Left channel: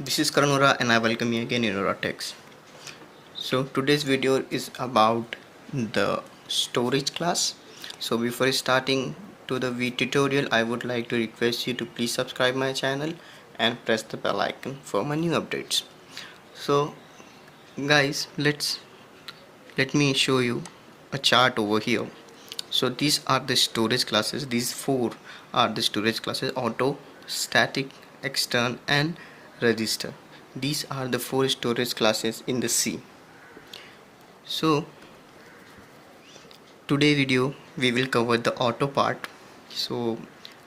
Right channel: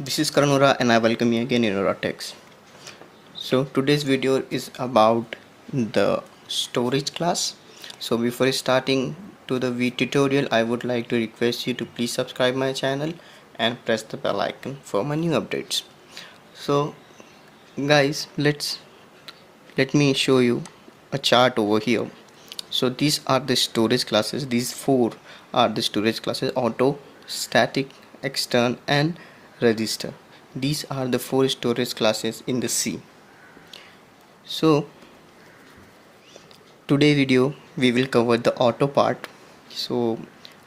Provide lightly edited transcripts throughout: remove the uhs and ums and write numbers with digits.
This is Karanura and I welcome you again in Auratex. So today's video is about the storage class. So before starting to the tutorial, I would like to request you to please subscribe my channel and press the bell icon for my new updates. So guys, let me show you a chart over here. So these are the storage classes. These four are the storage classes: auto, static, extern and register. These are the four storage classes in the C. So today video we will cover the auto part. So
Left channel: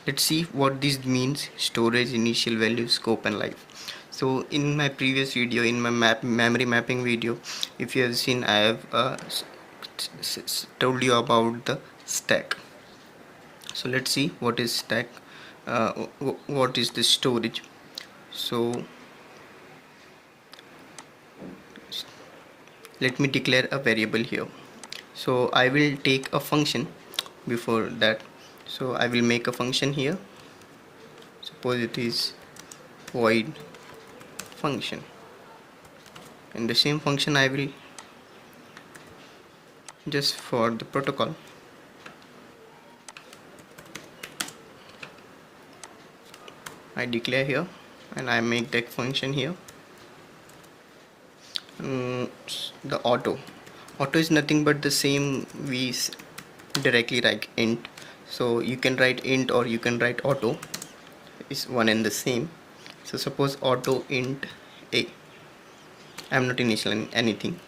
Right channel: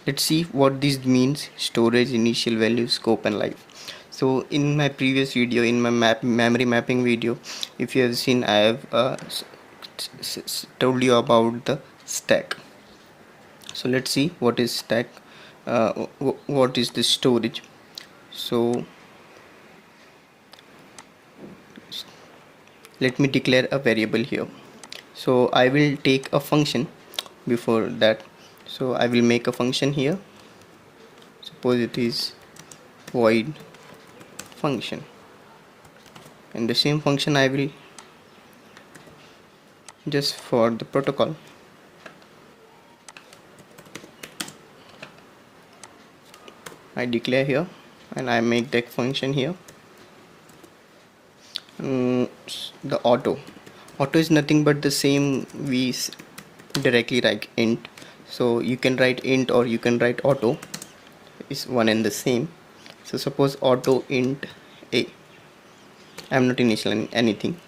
let's see what this means: storage, initial value, scope and life. So in my previous video, in my memory mapping video, if you have seen, I have told you about the stack. So let's see what is stack, what is the storage. So let me declare a variable here. So I will take a function before that. So I will make a function here. Suppose it is void function, and the same function I will just for the protocol I declare here, and I make that function here. The auto is nothing but the same we directly write int. So you can write int or you can write auto, is one and the same. So suppose auto int a, I am not initialing anything,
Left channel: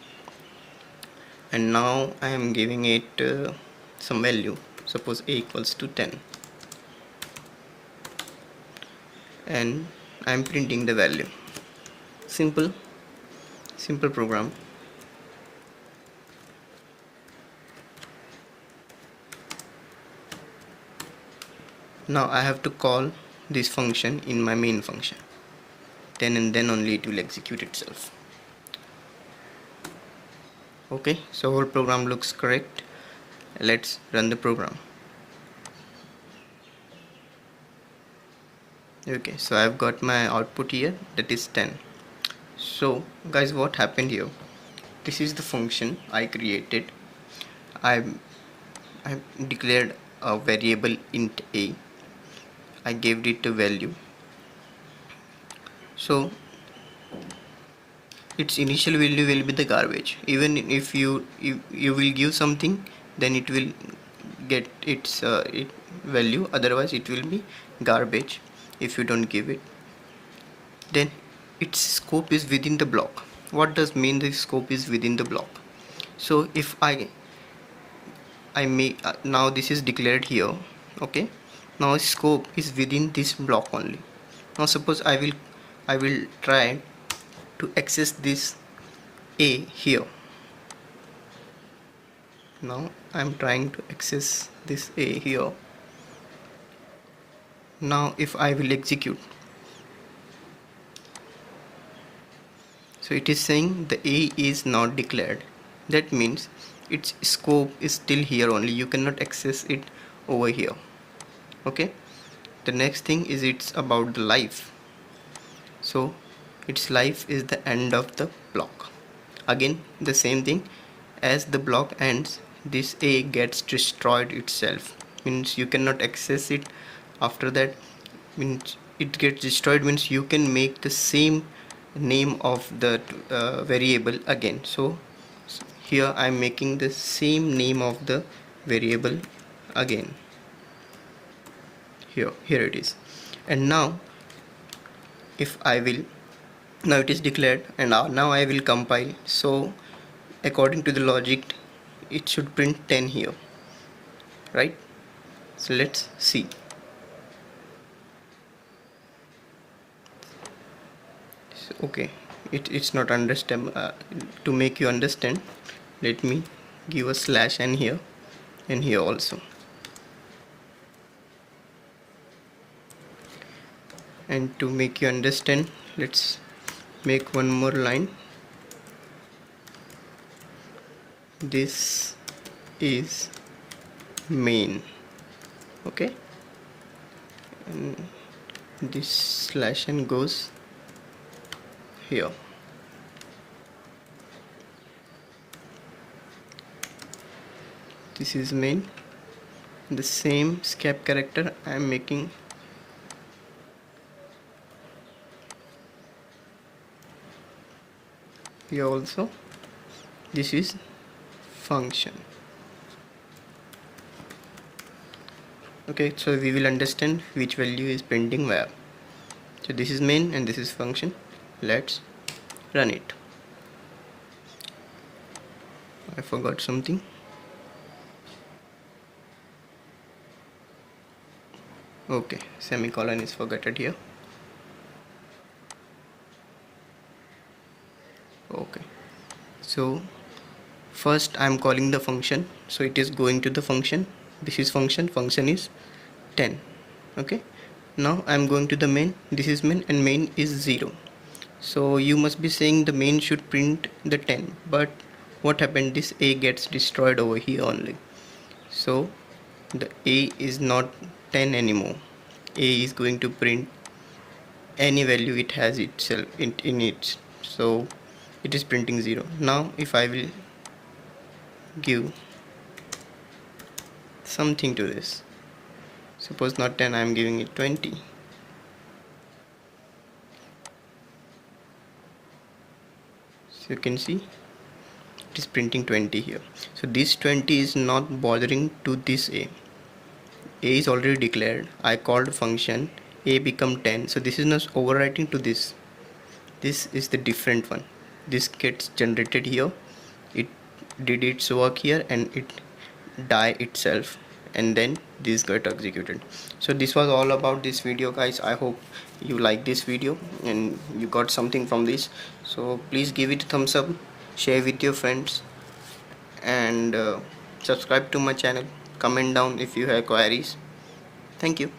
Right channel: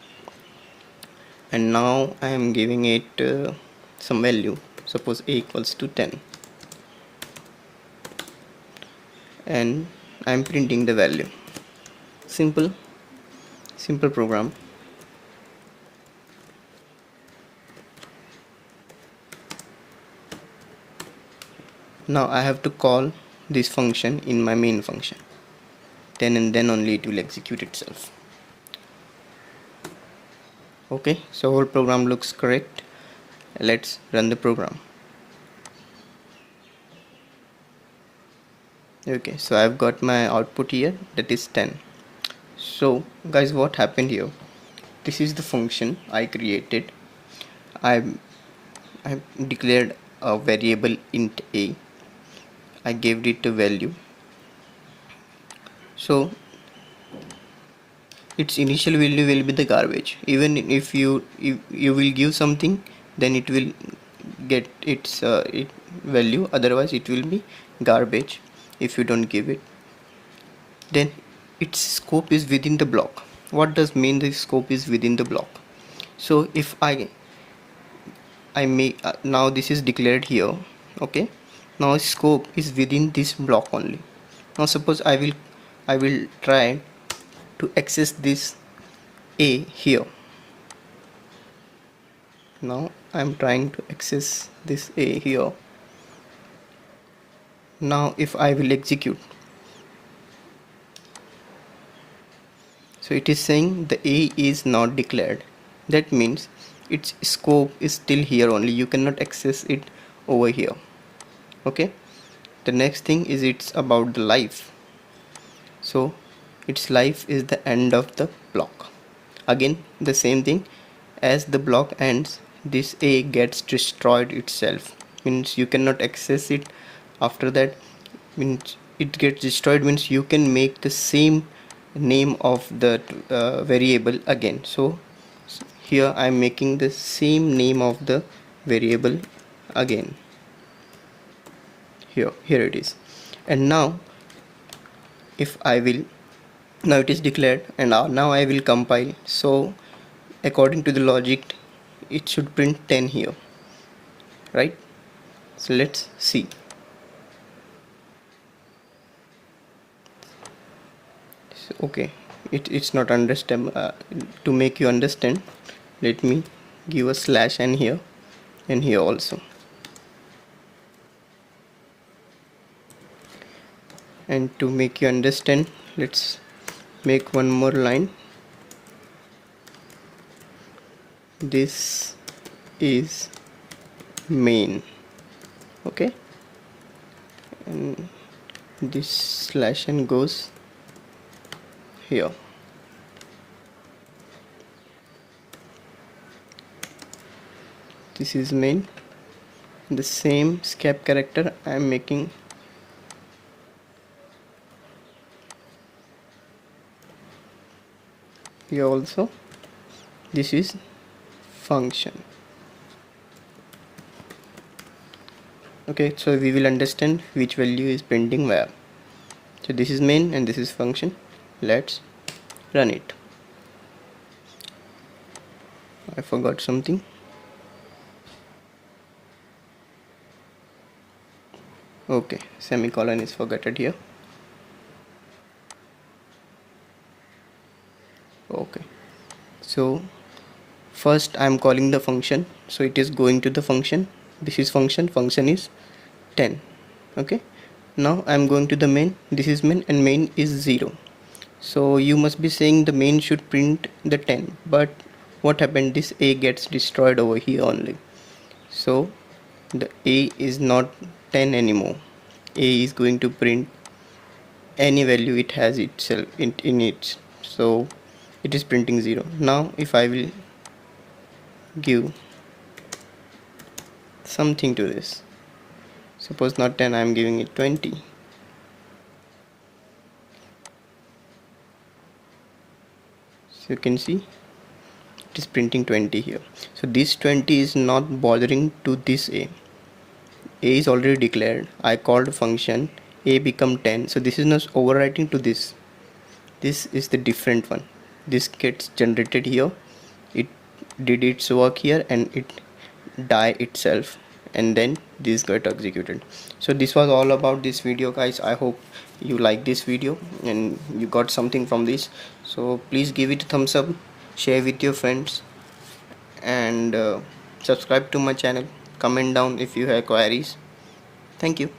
and now I am giving it some value. Suppose a equals to 10, and I am printing the value. Simple program. Now I have to call this function in my main function, and then only it will execute itself. Okay, so whole program looks correct. Let's run the program. Okay, so I've got my output here, that is 10. So guys, what happened here? This is the function I created. I declared a variable int a. I gave it a value. So its initial value will be the garbage. Even if you will give something, then it will get its value. Otherwise it will be garbage if you don't give it. Then its scope is within the block. What does mean the scope is within the block? So if I make now this is declared here. Okay, now scope is within this block only. Now suppose I will try to access this a here. Now I'm trying to access this a here. Now if I will execute, so it is saying the a is not declared. That means its scope is still here only, you cannot access it over here. Okay, the next thing is it's about the life. So its life is the end of the block. Again the same thing, as the block ends, this a gets destroyed itself, means you cannot access it after that. Means it gets destroyed means you can make the same name of the variable again. So here I am making the same name of the variable again. Here it is. And now if I will, now it is declared, and now I will compile. So according to the logic it should print 10 here, right? So let's see. So, okay, it's not understand. To make you understand, let me give a slash n here and here also, and to make you understand, let's make one more line. This is main. Okay, and this slash n goes here. This is main. The same escape character I am making here also. This is function. Okay, so we will understand which value is printing where. So this is main and this is function. Let's run it. I forgot something. Okay, semicolon is forgotten here. Okay, so first I am calling the function, so it is going to the function. This is function is 10. Okay, now I am going to the main. This is main and main is 0. So you must be saying the main should print the 10, but what happened, this a gets destroyed over here only. So the a is not 10 anymore. A is going to print any value it has itself in it, so it is printing 0. Now if I will give something to this, suppose not 10, I am giving it 20. So you can see it is printing 20 here. So this 20 is not bothering to this a is already declared. I called function, a become 10, so this is not overwriting to this. This is the different one. This gets generated here, it did its work here and it die itself, and then this got executed. So this was all about this video, guys. I hope you like this video and you got something from this. So please give it a thumbs up, share with your friends, and subscribe to my channel. Comment down if you have queries. Thank you.